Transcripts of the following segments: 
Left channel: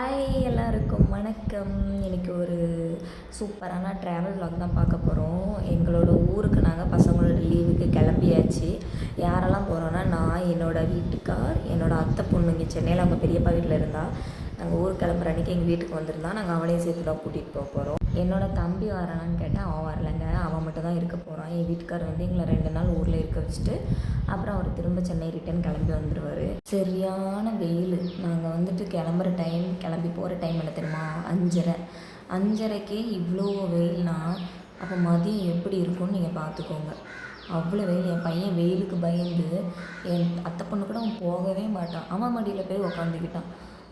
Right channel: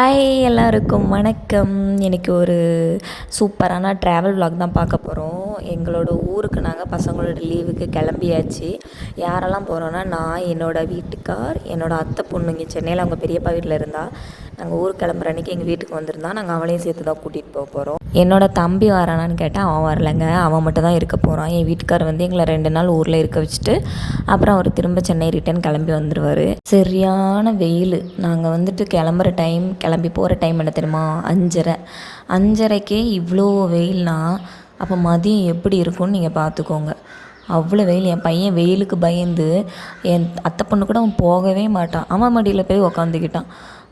Hi எல்லாருக்கும் வணக்கம். இன்றைக்கி ஒரு சூப்பரான ட்ராவல் vlog தான் பார்க்க போகிறோம். எங்களோட ஊருக்கு நாங்கள் பசங்களோட லீவுக்கு கிளம்பியாச்சு. யாரெல்லாம் போகிறோன்னா நான், என்னோடய வீட்டுக்கார், என்னோடய அத்தை பொண்ணு இங்கே சென்னையில் அவங்க பெரியப்பா வீட்டில் இருந்தால் நாங்கள் ஊருக்கு கிளம்புற அன்றைக்கி எங்கள் வீட்டுக்கு வந்திருந்தா நாங்கள் அவளையும் சேர்த்து தான் கூட்டிகிட்டு போக போகிறோம். என்னோடய தம்பி வரானான்னு கேட்டால் அவன் வரலைங்க, அவன் மட்டும் தான் இருக்க போகிறான். என் வீட்டுக்கார் வந்து எங்களை 2 நாள் ஊரில் இருக்க வச்சுட்டு அப்புறம் அவர் திரும்ப சென்னை ரிட்டன் கிளம்பி வந்துடுவார். சரியான வெயில். நாங்கள் வந்துட்டு கிளம்பி போகிற டைம் என்ன தெரியுமா? 5:30 இவ்வளோ வெயில்னா அப்போ மதியம் எப்படி இருக்கும்னு நீங்கள் பார்த்துக்கோங்க. அவ்வளோ வெயில். என் பையன் வெயிலுக்கு பயந்து என் அத்தை பொண்ணு கூட அவன் போகவே மாட்டான். அவன் மடியில் போய் உக்காந்துக்கிட்டான்.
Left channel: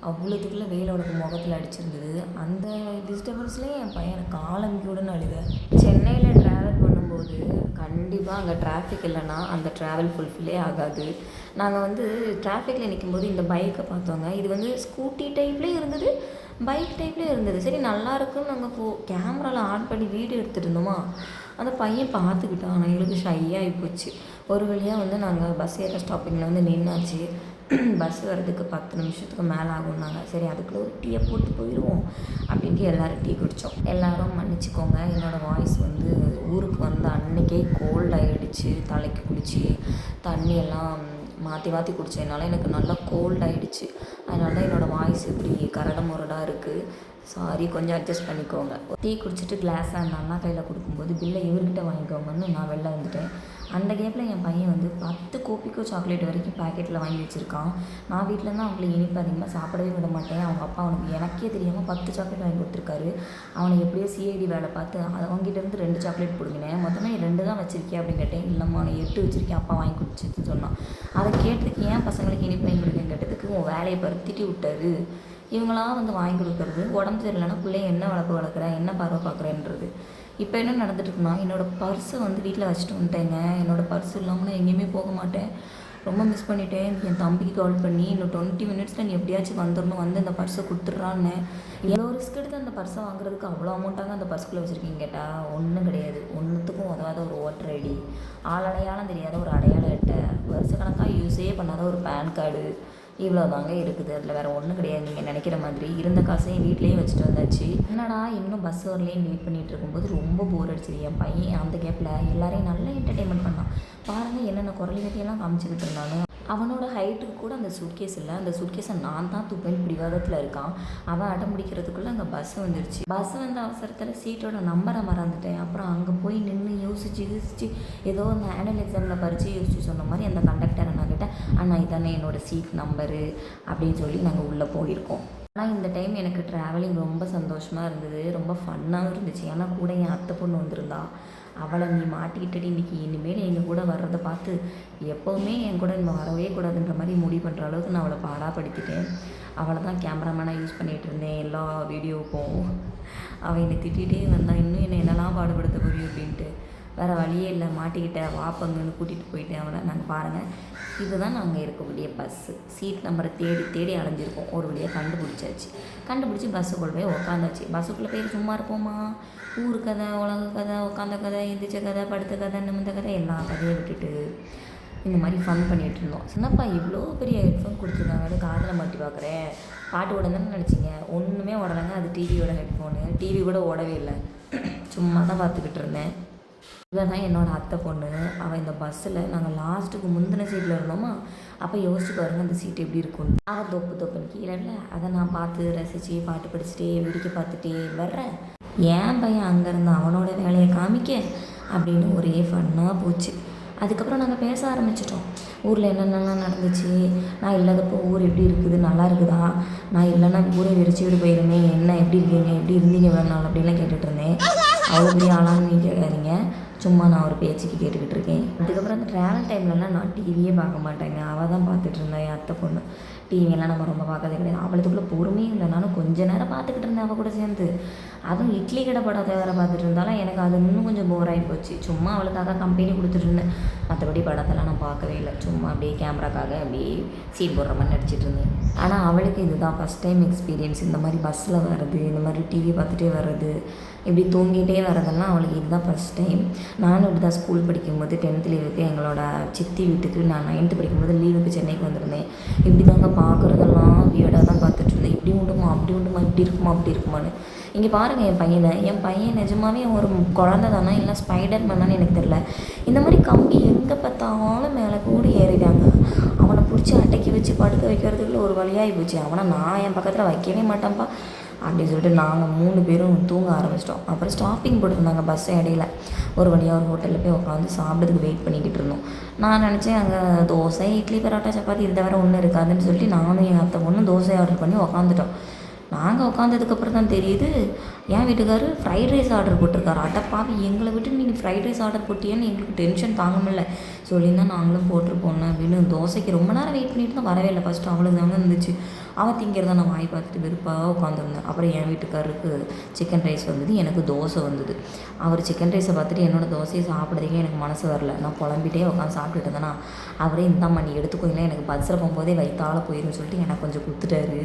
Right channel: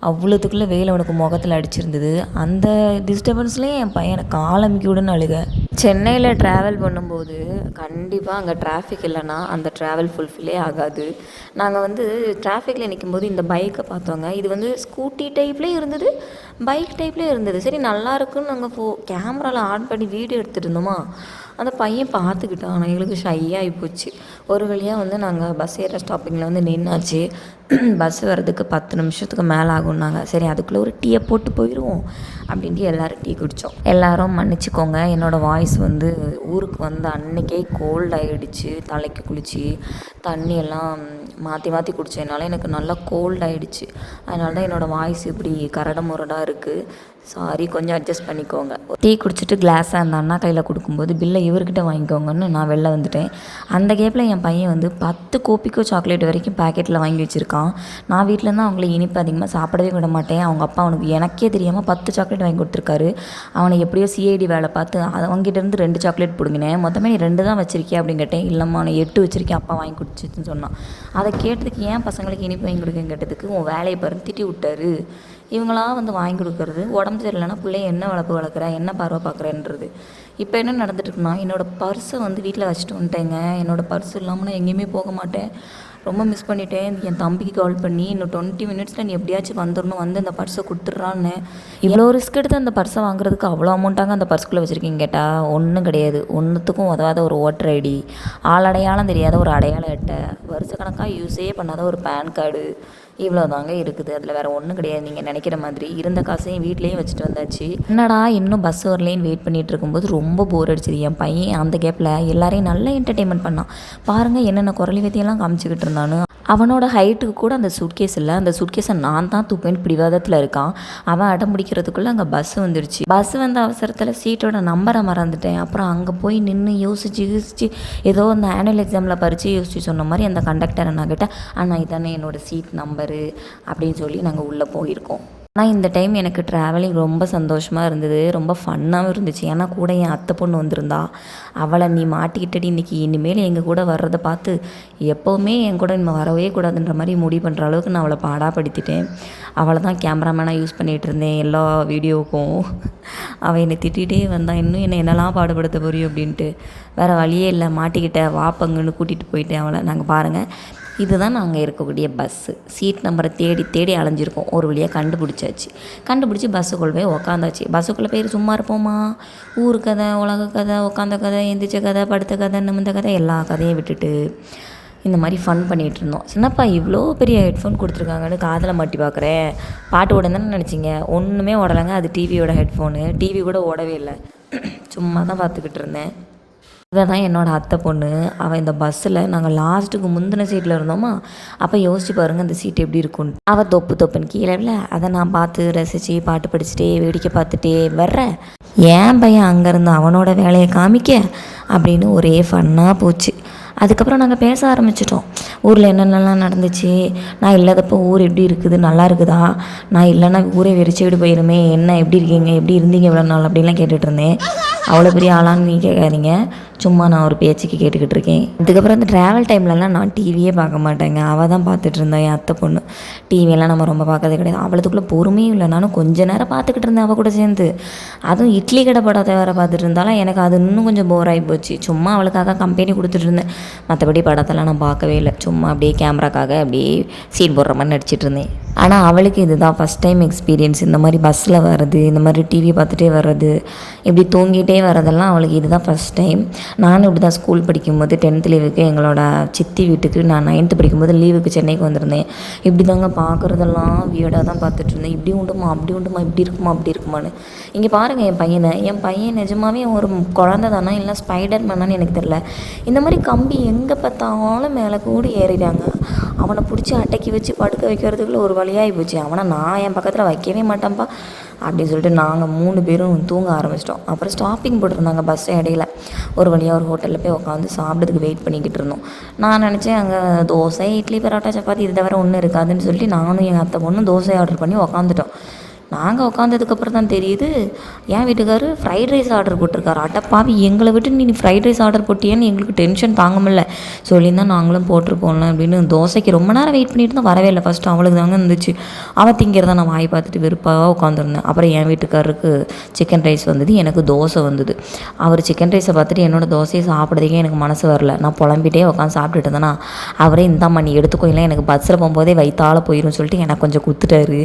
அவ்வளோத்துக்குள்ளே வெயில் அவனுக்கு முகத்தில் அடிச்சிருந்தது. அந்த டிஸ்டர்பன்ஸ்லேயே என் பையனை காலமிக்கி விடுன்னு அழுக. சென்னையில் ட்ராவல் பண்ணும்போது கண்டிப்பாக அங்கே டிராஃபிக் இல்லைன்னா அந்த ட்ராவல் ஃபுல்ஃபில்லே ஆகாது. நாங்கள் வந்து டிராஃபிக்கில் நிற்கும்போது இந்த பைக்கை பார்த்தோங்க. இது வந்து ஸ்கூட்டி டைப்லேயே இருந்தது, பைக் டைப்லேயே இருந்தது. சரி நல்லா இருக்குன்னு நாங்கள் கேமராவில் ஆன் பண்ணி வீடியோ எடுத்துகிட்டு இருந்தோமா, அந்த பையன் பார்த்துக்கிட்டான். ஆனால் எங்களுக்கு ஷையாகி போச்சு. ஒரு வழியாக வந்து நாங்கள் பஸ் ஏற ஸ்டாப்பிங்கில் வந்து நின்னாச்சு. பஸ் வர்றதுக்கு 10 நிமிஷத்துக்கு மேலே ஆகும்னாங்க. சரி அதுக்குள்ளே ஒரு டீயை போட்டு போயிடுவோம் அப்படின்ட்டு எல்லோரும் டீ குடித்தோம். எல்லோரும் மன்னிச்சிக்கோங்க, என்னோடய வாய்ஸ் வந்து ஊருக்கு வந்த அன்றைக்கே கோல்ட் ஆகிடுச்சு. தலைக்கு குளித்து தண்ணியெல்லாம் மாற்றி மாற்றி குடித்ததுனால எனக்கு நல்லா கோல்ட் ஆகிடுச்சு. அதனால தான் என்னோடய வாய்ஸ் இப்படி கரடு முரடாக இருக்குது. சாரி, கொஞ்சம் அட்ஜஸ்ட் பண்ணிக்கோங்க. டீ குடிச்சிட்டு கிளாஸை அந்த அண்ணா கையில் கொடுக்கும்போது பில்லை இவர்கிட்ட வாங்கிக்கோங்கன்னு நான் வெளில வந்துட்டேன். அந்த கேப்பில் என் பையன் வந்து 10 கோப்பிக்கோ சாக்லேட் வரைக்கும் பேக்கெட்டில் வாங்கி வச்சுருக்கான். நான் வீட்டிலேருந்து அவங்கள இனிப்பு அதிகமாக சாப்பிடவே விட மாட்டேன். அவங்க அப்பா அவனுக்கு எனக்கே தெரியாமல் 10 சாக்லேட் வாங்கி கொடுத்துருக்காரு. அவனை எப்படியோ சிஐடி வேலை பார்த்து அதை அவங்ககிட்டேருந்து 2 சாக்லேட் பிடுங்கினேன். மொத்தமே நீ 2 தான் வச்சுருக்கியா அப்படின்னு கேட்டேன். இல்லைம்மா நான் 8 வச்சுருக்கேன், அப்பா வாங்கி கொடுத்துச்சுன்னு சொன்னான். அதை கேட்டதுக்கு ஏன் பசங்களுக்கு இனிப்பு வாங்கி கொடுக்குன்னு கேட்டதுக்கு உன் வேலையை பருத்திட்டி விட்டாரு. இவங்களாம் வந்து வாங்கி கொடுக்குறது, உடம்பு சரியில்லைன்னா பிள்ளைய என்ன வளர்க்குற, என்ன பார்வை பார்க்குறேன்றது. இப்போ என்ன நடந்துட்டுருக்குன்னா, என்னோடய பர்ஸை வந்து வீட்டில் வச்சுட்டு வந்துட்டேங்க. என்னோடய பர்ஸ் இல்லாமல் நான் எங்கேயுமே போக மாட்டேன். ரொம்ப மிஸ் பண்ணிட்டேன். என் தம்பிக்கு கால் பண்ணி இன்னும் 20 மினிட்ஸில் நீ எப்படியாச்சும் வந்துடணும், வந்து அந்த பர்ஸை கொடுத்துட்றான்னு. இவ்வளோ ரிஸ்க் எடுத்து அந்த பர்ஸை வாங்குறதுக்கு அவ்வளோ அமௌண்ட்டாங்க அந்த பர்ஸ்குள்ளே வச்சுருக்கீங்க கேட்டால் ஒன்றும் கிடையாது. ஒன்றுத்துக்கும் உதவாத ஒரு ஓட்டர் ஐடி, ஆளடையாளம் தெரியாத ஒரு அடையாள அட்டை, வருஷக்கணக்காக யூஸே பண்ணாத ஒரு பேன் கார்டு, இவ்வளோ தாங்க இருக்குது. அதில் வேறு ஒன்றும் கிடையாது. நீங்கள் நினைக்கிற மாதிரி இருந்த காசையும் வீட்லேயும் வச்சுட்டு வந்தாச்சு. என்னடா இன்னும் பஸ் வரலேன்னு வெயிட் பண்ணிகிட்டு இருக்கும்போது ரொம்ப போர் அடிச்சிது. என் பையன் அந்த கேப்பில் எல்லாரையும் நல்லா என்டர்டெயின்மெண்ட் பண்ணான். பாருங்கள் என்னென்ன குரலி வித்தியெல்லாம் காமிச்சிக்கிட்டு இருந்தானு. அவனோட ஹைட்டுக்கு கூட அந்த சூட்கேஸ் இல்லை. அந்த சூட்கேஸை நான் தான் தூப்பேன்னு பிடிவாதத்தில் இருக்கான். அவன் அடம் பிடிக்கிறதுக்குள்ளே அங்கே பஸ் வந்துடுச்சு. பஸ் வந்த அவசரத்தில் சீட்டோட நம்பரை மறந்துட்டேன். அப்புறம் அங்கே போய் நின்று யோசிச்சு ஏதோ அந்த ஆனுவல் எக்ஸாமில் பறித்து யோசிச்சு சொன்ன மாதிரி அந்த கண்டக்டரை நான் கேட்டேன். ஆனால் இதானே என்னோடய சீட் நம்பரு அப்படின்னு சொல்லி நாங்கள் உள்ளே போயிருக்கோம். ஆனால் இந்த டைம் எனக்கு ட்ராவலிங் ரொம்ப சந்தோஷமாக இருந்தது, ரொம்ப ஃபன்னாகவும் இருந்துச்சு. ஏன்னா கூட என் அத்தை பொண்ணு வந்திருந்தா. அவளை நீ மாட்டிக்கிட்டடி இன்றைக்கி, இனிமேல் எங்கள் கூட வர்றதை பார்த்து எப்போவுமே என் கூட இன்னும் வரவே கூடாதுன்ற மாதிரி முடிவு பண்ணுற அளவுக்கு நான் அவளை பாடாப்படுத்திட்டேன். அவளை தான் கேமராமேனாக யூஸ் பண்ணிகிட்டு இருந்தேன் எல்லா வீடியோவுக்கும். அவள் என்னை திட்டிகிட்டே வந்தான், இன்னும் என்னெல்லாம் பாடுபடுத்த போறியும் அப்படின்ட்டு. வேறு வழியே இல்லை, மாட்டிக்கிட்ட வாப்பங்கன்னு கூட்டிகிட்டு போயிட்டேன் அவளை. நாங்கள் பாருங்கள், இதுதான் நாங்கள் இருக்கக்கூடிய பஸ்ஸு. சீட் நம்பரை தேடி தேடி அலைஞ்சிருக்கோம். ஒரு வழியாக கண்டுபிடிச்சி பஸ்ஸுக்குள்ளே போய் உக்காந்தாச்சு. பஸ்ஸுக்குள்ளே போய் சும்மா இருப்போமா? ஊர் கதை, உலக கதை, உட்காந்த கதை, எந்திரிச்ச கதை, படுத்த கதை, நிமிந்த கதை, எல்லா கதையும் விட்டுட்டு இந்த மாதிரி ஃபன் பண்ணிகிட்டு இருந்தோம். சின்னப்பா இவ்வளோ பெரிய ஹெட்ஃபோன் கொடுத்துருக்காங்கன்னு காதில் மாட்டி பார்க்குறேன். பாட்டு ஓடணுன்னு நினச்சிங்க, ஒன்றுமே ஓடலைங்க. அது டிவியோட ஹெட்ஃபோனு. டிவி கூட ஓடவே இல்லை, சும்மா தான் பார்த்துக்கிட்டு இருந்தேன். இவன் தான் என்னோடய அத்தை பொண்ணு. அவள் இந்த பஸ்ஸில் நாங்கள் லாஸ்ட்டுக்கு முந்தின சீட்டில் இருந்தோமா, அப்போ யோசிச்சு பாருங்கள் அந்த சீட் எப்படி இருக்கும்னு. அவள் தொப்புன்னு கீழே இல்லை. அதை நான் பார்த்து ரசித்து பாட்டு படிச்சுட்டே வேடிக்கை பார்த்துட்டே வர்றேன். ஏன் பையன் அங்கேருந்து அவனோட வேலையை காமிக்க அப்படின்னு ஒரே ஃபன்னாக போச்சு. அதுக்கப்புறம் நாங்கள் பேச ஆரம்பிச்சிட்டோம். ஊரில் என்னென்னலாம் நடந்துச்சு, நான் இல்லாதப்போ ஊர் எப்படி இருக்குது, நல்லா இருக்குதா, நான் இல்லைன்னா ஊரே வெறிச்சுக்கிட்டு போயிருமே, என்ன எப்படி இருக்கீங்க, எப்படி இருந்தீங்க இவ்வளோ நாள் அப்படின்லாம் கேட்டுட்டு இருந்தேன். அவ்வளோ பெரிய ஆளான்னு நீங்கள் கேட்காதீங்க, சும்மா நான் ஒரு பேச்சுக்கு கேட்டுக்கிட்டு இருக்கேன். அதுக்கப்புறம் அந்த ட்ராவல் டைம்லலாம் நான் டிவியே பார்க்க மாட்டேங்க. அவள் தான் பார்த்துட்டு இருந்தேன், என் அத்தை பொண்ணு. டிவியெல்லாம் நம்ம ரொம்ப பார்க்கறதே கிடையாது. அவளுக்குள்ளே பொறுமையும் இல்லை. நானும் கொஞ்ச நேரம் பார்த்துக்கிட்டு இருந்தேன் அவள் கூட சேர்ந்து. அதுவும் இட்லி கடை படத்தை வேறு பார்த்துட்டு இருந்தாலும் எனக்கு அது இன்னும் கொஞ்சம் போர் ஆகி போச்சு. சும்மா அவளுக்காக கம்பெனி கொடுத்துட்டு இருந்தேன். மற்றபடி படத்தெல்லாம் நான் பார்க்கவே இல்லை. சும்மா அப்படியே கேமராக்காக அப்படியே சீன் போடுற மாதிரி நடிச்சிட்டு இருந்தேன். ஆனால் அவளுக்கு இதுதான் ஃபஸ்ட் டைம் எக்ஸ்பீரியன்ஸ். இந்த மாதிரி பஸ்ஸில் வர்றது, இந்த மாதிரி டிவி பார்த்துட்டே வர்றது, இப்படி தூங்கிட்டே வரதெல்லாம் அவளுக்கு இதுதான் ஃபஸ்ட் டைம். நானும் இப்படி தான் ஸ்கூல் படிக்கும்போது 10th லீவுக்கு எங்களோட சித்தி வீட்டுக்கு நான் 9th படிக்கும்போது லீவுக்கு சென்னைக்கு வந்திருந்தேன். இப்படி தாங்க பார்க்குறதெல்லாம் வியர்டாக தான் பார்த்துட்டு இருந்தேன். இப்படி உண்டுமா அப்படி உண்டுமா இப்படி இருக்குமா அப்படி இருக்குமான்னு. இங்கே பாருங்கள் என் பையன் நிஜமாவே அவன் ஒரு குழந்தை தானே இல்லை ஸ்பைடர் மேனான்னு எனக்கு தெரியல. இந்த மாதிரி கம்பி எங்கே பார்த்தாலும் மேலே கூட ஏறிடாங்க. அவனை பிடிச்சி அட்டைக்கி வச்சு படுக்க வைக்கிறதுக்குள்ள ஒரு வழியாகி போச்சு. அவனை நான் என் பக்கத்தில் வைக்கவே மாட்டேன்ப்பா அப்படின்னு சொல்லிட்டு நாங்கள் 3 பேரும் தூங்க ஆரம்பிச்சிட்டோம். அப்புறம் ஸ்டாப்பிங் போட்டிருந்தாங்க பஸ் இடையில. ஒரு வழியாக ஒரு ஹோட்டலில் போய் உட்காந்து சாப்பிட்றதுக்கு வெயிட் பண்ணிக்கிட்டு இருந்தோம். நான் நினச்சேன் அங்கே தோசை இட்லி பரோட்டா சப்பாத்தி இது தவிர ஒன்றும் இருக்காதுன்னு சொல்லிட்டு நானும் எங்கள் அத்தை பொண்ணும் தோசை ஆர்டர் பண்ணி உட்காந்துட்டோம். நாங்கள் உட்காந்ததுக்கப்புறம் தான் தெரியுது என் வீட்டுக்காரர் ஃப்ரைட் ரைஸ் ஆர்டர் போட்டிருக்காரு. அட்டப்பாவி எங்களை விட்டு நீ ஃப்ரைட் ரைஸ் ஆர்டர் போட்டியேன்னு எங்களுக்கு டென்ஷன் தாங்க முடியல. சொல்லியிருந்தால் நாங்களும் போட்டிருப்போம்ல அப்படின்னு. தோசைக்கு ரொம்ப நேரம் வெயிட் பண்ணிட்டு தான் வரவே இல்லை. ஃபஸ்ட்டு அவளுக்கு தாங்க இருந்துச்சு. அவள் திங்கிறத நான் வாய் பார்த்துட்டு வெறுப்பாக உட்காந்துருந்தேன். அப்புறம் என் வீட்டுக்காரருக்கு சிக்கன் ரைஸ் வந்தது, எனக்கு தோசை வந்தது. அவர் சிக்கன் ரைஸை பார்த்துட்டு என்னோடய தோசையை சாப்பிட்றதுக்கே எனக்கு மனசு வரல. நான் புலம்பிட்டே உட்காந்து சாப்பிட்டுட்டு இருந்தேன்னா அவரே இந்தாம்மா நீ எடுத்துக்கோயில எனக்கு பஸ்ஸில் போகும்போதே வயிற்றால போயிடும் சொல்லிட்டு எனக்கு கொஞ்சம் கொடுத்துட்டாரு.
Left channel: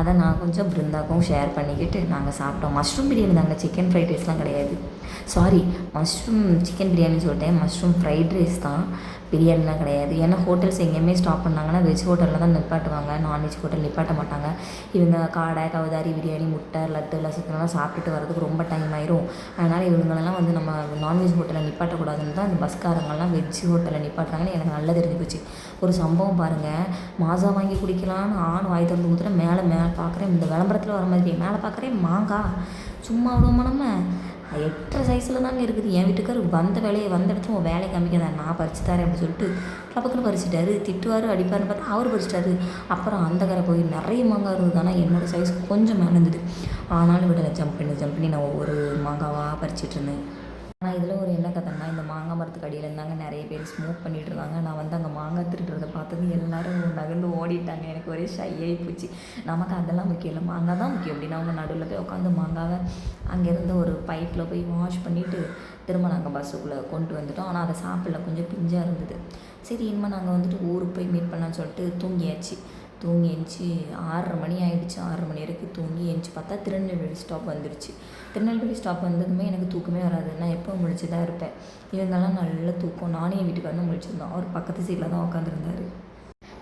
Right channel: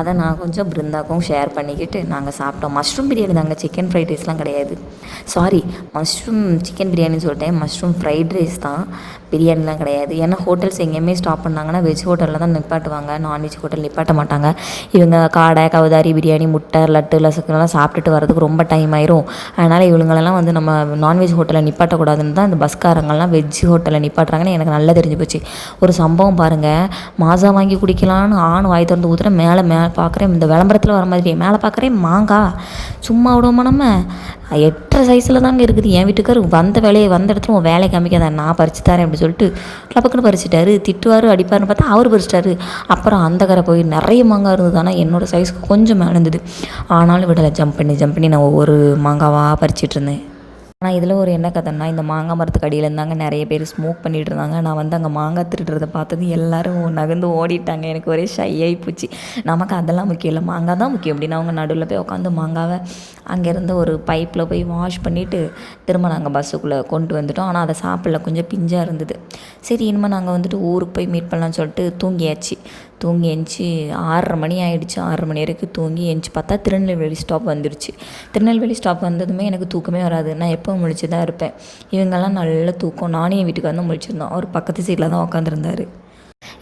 அதை நான் கொஞ்சம் பிருந்தாக்கும் ஷேர் பண்ணிக்கிட்டு நாங்கள் சாப்பிட்டோம். மஷ்ரூம் பிரியாணி தாங்க, சிக்கன் ஃப்ரைட் ரைஸ்லாம் கிடையாது. சாரி, மஷ்ரூம் சிக்கன் பிரியாணின்னு சொல்லிட்டேன். மஷ்ரூம் ஃப்ரைட் ரைஸ் தான், பிரியாணிலாம் கிடையாது. ஏன்னா ஹோட்டல்ஸ் எங்கேயுமே ஸ்டாப் பண்ணாங்கன்னா வெஜ் ஹோட்டலில் தான் நிப்பாட்டுவாங்க, நான்வெஜ் ஹோட்டல் நிப்பாட்ட மாட்டாங்க. இவங்க காடை கவுதாரி பிரியாணி முட்டை லட்டு லசுக்கெல்லாம் சாப்பிட்டுட்டு வரதுக்கு ரொம்ப டைம் ஆயிரும். அதனால் இவங்களெல்லாம் வந்து நம்ம நான்வெஜ் ஹோட்டலில் நிப்பாட்டக்கூடாதுன்னு தான் இந்த பஸ்காரங்கள்லாம் வெஜ் ஹோட்டலில் நிப்பாட்டுறாங்கன்னு எனக்கு நல்லா தெரிஞ்சு போச்சு. ஒரு சம்பவம் பாருங்கள், மாசா வாங்கி குடிக்கலான்னு ஆண் வாய் திறந்து ஊற்றுறேன். மேலே பார்க்குறேன், இந்த விளம்பரத்தில் வர மாதிரி மேலே பார்க்குறேன் மாங்காய். சும்மா விடுவோமா நம்ம? 8.5 சைஸில் தாங்க இருக்குது. என் வீட்டுக்கார் வந்த இடத்துல உன் வேலையை காமிக்காத நான் பறிச்சு தரேன் அப்படி சொல்லிட்டு டபக்குன்னு பறிச்சிட்டாரு. திட்டுவார் அடிப்பார்னு பார்த்தா அவர் பறிச்சிட்டாரு. அப்புறம் அந்த கரை போய் நிறைய மாங்காய் இருந்தது. ஆனால் என்னோடய சைஸ்க்கு கொஞ்சம் மேலே இருந்தது. ஆனாலும் விடலை, ஜம்ப் பண்ணி நான் ஒவ்வொரு மாங்காவாக பறிச்சிட்டு இருந்தேன். ஆனால் இதில் ஒரு என்ன கதைன்னா, இந்த மாங்காய் மரத்துக்கு அடியில் இருந்தாங்க நிறைய பேர் ஸ்மோக் பண்ணிகிட்டு இருந்தாங்க. நான் வந்து அங்கே மாங்காய் திருடுறதை பார்த்தது எல்லோரும் நகர்ந்து ஓடிட்டாங்க. எனக்கு ஒரே ஷை ஆகி போச்சு. நமக்கு அதெல்லாம் முக்கியம் இல்லை, மாங்காய் தான் முக்கியம் அப்படின்னு அவங்க நடுவில் போய் உட்காந்து மாங்காவை அங்கேருந்து ஒரு பைப்பில் போய் வாஷ் பண்ணிவிட்டு திரும்ப நாங்கள் பஸ்ஸுக்குள்ளே கொண்டு வந்துட்டோம். ஆனால் அதை சாப்பிடல, கொஞ்சம் பிஞ்சாக இருந்தது. சரி இனிமேல் நாங்கள் வந்துட்டு ஊருக்கு போய் மீட் பண்ணலான்னு சொல்லிட்டு தூங்கி எந்திச்சு 6:30 மணி ஆகிடுச்சு. 6:30 மணி வரைக்கும் தூங்கி எந்திச்சு பார்த்தா திருநெல்வேலி ஸ்டாப் வந்துடுச்சு. திருநெல்வேலி ஸ்டாப் வந்ததுமே எனக்கு தூக்கமே வராது. நான் எப்போ முழிச்சு தான் இருப்பேன். இவங்கெல்லாம் நல்ல தூக்கம். நானும் என் வீட்டுக்கு வந்து முழிச்சிருந்தோம். அவர் பக்கத்து சீட்டில் தான் உட்காந்துருந்தார்.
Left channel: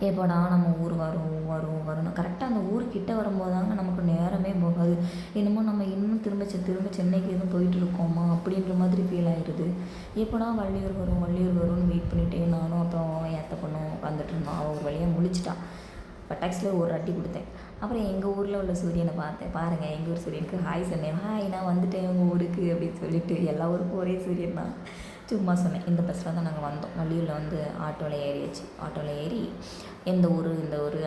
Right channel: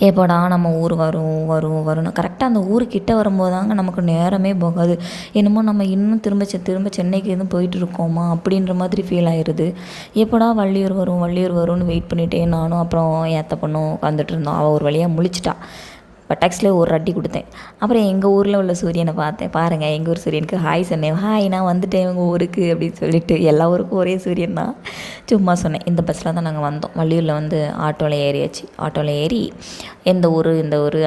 எப்போடா நம்ம ஊர் வரும் கரெக்டாக அந்த ஊருக்கிட்ட வரும்போது தாங்க நமக்கு நேரமே போகாது. என்னமோ நம்ம இன்னும் திரும்ப சென்னைக்கு எதுவும் போயிட்டு இருக்கோமா அப்படின்ற மாதிரி ஃபீல் ஆயிடுது. எப்போடா வள்ளியூர் வரும்னு வெயிட் பண்ணிகிட்டே நானும் அப்புறம் ஏற்ற பொண்ணும் உட்காந்துட்டு இருந்தோம். அவள் ஒரு வழியாக முழிச்சிட்டா. பட்டாக்ஸில் ஒரு அடி கொடுத்தேன். அப்புறம் எங்கள் ஊரில் உள்ள சூரியனை பார்த்தேன். பாருங்கள், எங்கள் ஊர் சூரியனுக்கு ஹாய் சொன்னேன். ஹாய் நான் வந்துட்டேன் உங்கள் ஊருக்கு அப்படின்னு சொல்லிட்டு. எல்லா ஊருக்கும் ஒரே சூரியன் தான், சும்மா சொன்னேன். இந்த பஸ்ஸில் தான் நாங்கள் வந்தோம். வள்ளியூரில் வந்து ஆட்டோவில் ஏறியாச்சு. ஆட்டோவில் ஏறி இந்த ஊர்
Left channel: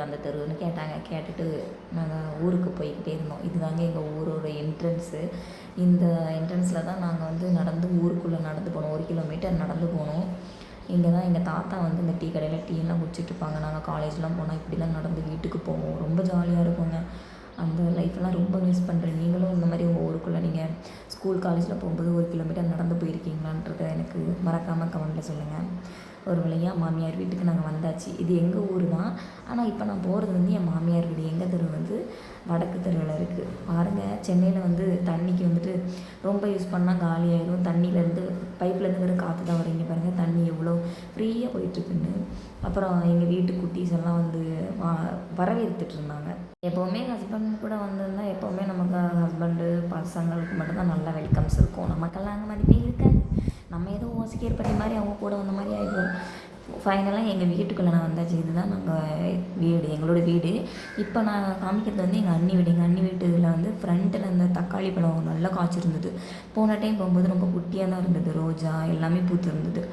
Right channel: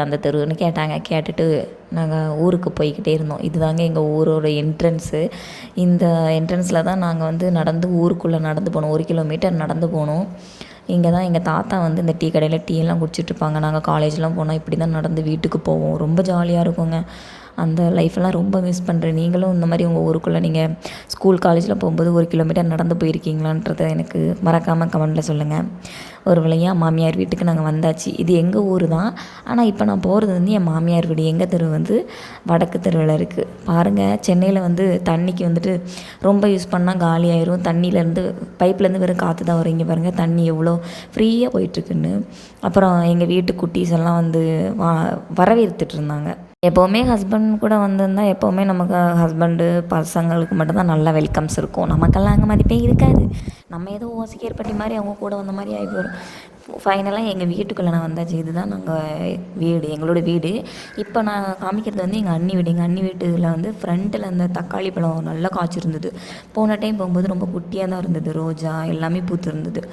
அந்த தெருவுன்னு கேட்டாங்க. கேட்டுட்டு நாங்கள் ஊருக்கு போய்கிட்டே இருந்தோம். இதுதாங்க எங்கள் ஊரோட என்ட்ரன்ஸு. இந்த என்ட்ரன்ஸில் தான் நாங்கள் வந்து நடந்து ஊருக்குள்ளே நடந்து போனோம். 1 கிலோமீட்டர் நடந்து போனோம். இங்கே தான் எங்கள் தாத்தா வந்து இந்த டீ கடையில் டீயெல்லாம் குடிச்சிட்ருப்பாங்க. நாங்கள் காலேஜ்லாம் போனால் இப்படி தான் நடந்து வீட்டுக்கு போவோம். ரொம்ப ஜாலியாக இருக்குங்க. அந்த லைஃப்பெல்லாம் ரொம்ப மிஸ் பண்ணுறேன். நீங்களும் இந்த மாதிரி உங்கள் ஊருக்குள்ளே நீங்கள் ஸ்கூல் காலேஜில் போகும்போது 1 கிலோமீட்டர் நடந்து போயிருக்கீங்களான்றதை எனக்கு மறக்காமல் கமெண்ட்டில் சொல்லுங்கள். ஒரு வழியாக மாமியார் வீட்டுக்கு நாங்கள் வந்தாச்சு. இது எங்கள் ஊர் தான். ஆனால் இப்போ நான் போகிறது வந்து என் மாமியார் வீடு. எங்கள் தெரு வந்து வடக்கு தெருவில் இருக்குது. பாருங்கள், சென்னையில் வந்து தண்ணிக்கு வந்துட்டு ரொம்ப யூஸ் பண்ணால் காலி ஆயிரும். தண்ணியிலேருந்து பைப்லேருந்து வெறும் காற்று தான் வரும். இங்கே பாருங்கள் தண்ணி எவ்வளோ ஃப்ரீயாக போயிட்டுருக்குன்னு. அப்புறம் எங்கள் வீட்டு குட்டீஸ் எல்லாம் வந்து வரவேற்றுட்டு இருந்தாங்க. எப்போவுமே ஹஸ்பண்ட் கூட வந்திருந்தால் எப்போவுமே நமக்கு ஹஸ்பண்டு பசங்களுக்கு மட்டும்தான் நல்ல வெல்கம்ஸ் இருக்கும். நமக்கெல்லாம் அங்கே மதிப்பே இருக்காது. நம்ம ஏதோ ஓசிக்கேர் பட்டி மாதிரி அவங்க கூட வந்த மாதிரி ஆகி போயிடும். ஃபைனலாக எங்கள் வீட்டுக்குள்ளே நான் வந்தாச்சு. இதுதான் நாங்கள் வீடு, எங்களோட வீடு. இப்போ நான் காமிக்கிறது வந்து எங்கள் அண்ணி வீடு. எங்கள் அண்ணி வீட்டில் வந்து ஃப்ரண்ட்டில் அந்த தக்காளி பழம் நல்லா காய்ச்சிருந்தது. போன டைம் போகும்போது ரொம்ப குட்டியாக தான் இருந்தது. ரோஜா எல்லாமே பூத்து இருந்தது.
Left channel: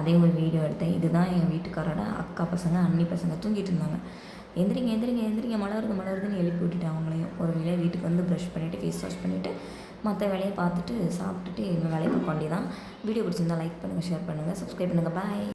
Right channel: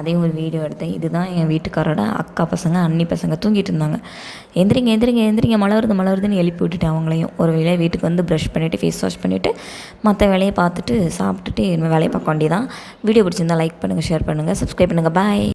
அதே ஒரு வீடியோ எடுத்தேன். இதுதான் என் வீட்டுக்காரோட அக்கா பசங்க அண்ணி பசங்க தூங்கிட்டு இருந்தாங்க. எந்திரிங்க மழை வருதுன்னு எழுப்பி விட்டுட்டேன் அவங்களையும். ஒரு வேலையை வீட்டுக்கு வந்து ப்ரஷ் பண்ணிவிட்டு ஃபேஸ் வாஷ் பண்ணிவிட்டு மற்ற வேலையை பார்த்துட்டு சாப்பிட்டுட்டு இனிமேல் வேலையை பார்க்க வேண்டியதான். வீடியோ பிடிச்சிருந்தா லைக் பண்ணுங்கள், ஷேர் பண்ணுங்கள், சப்ஸ்கிரைப் பண்ணுங்கள். பாய்.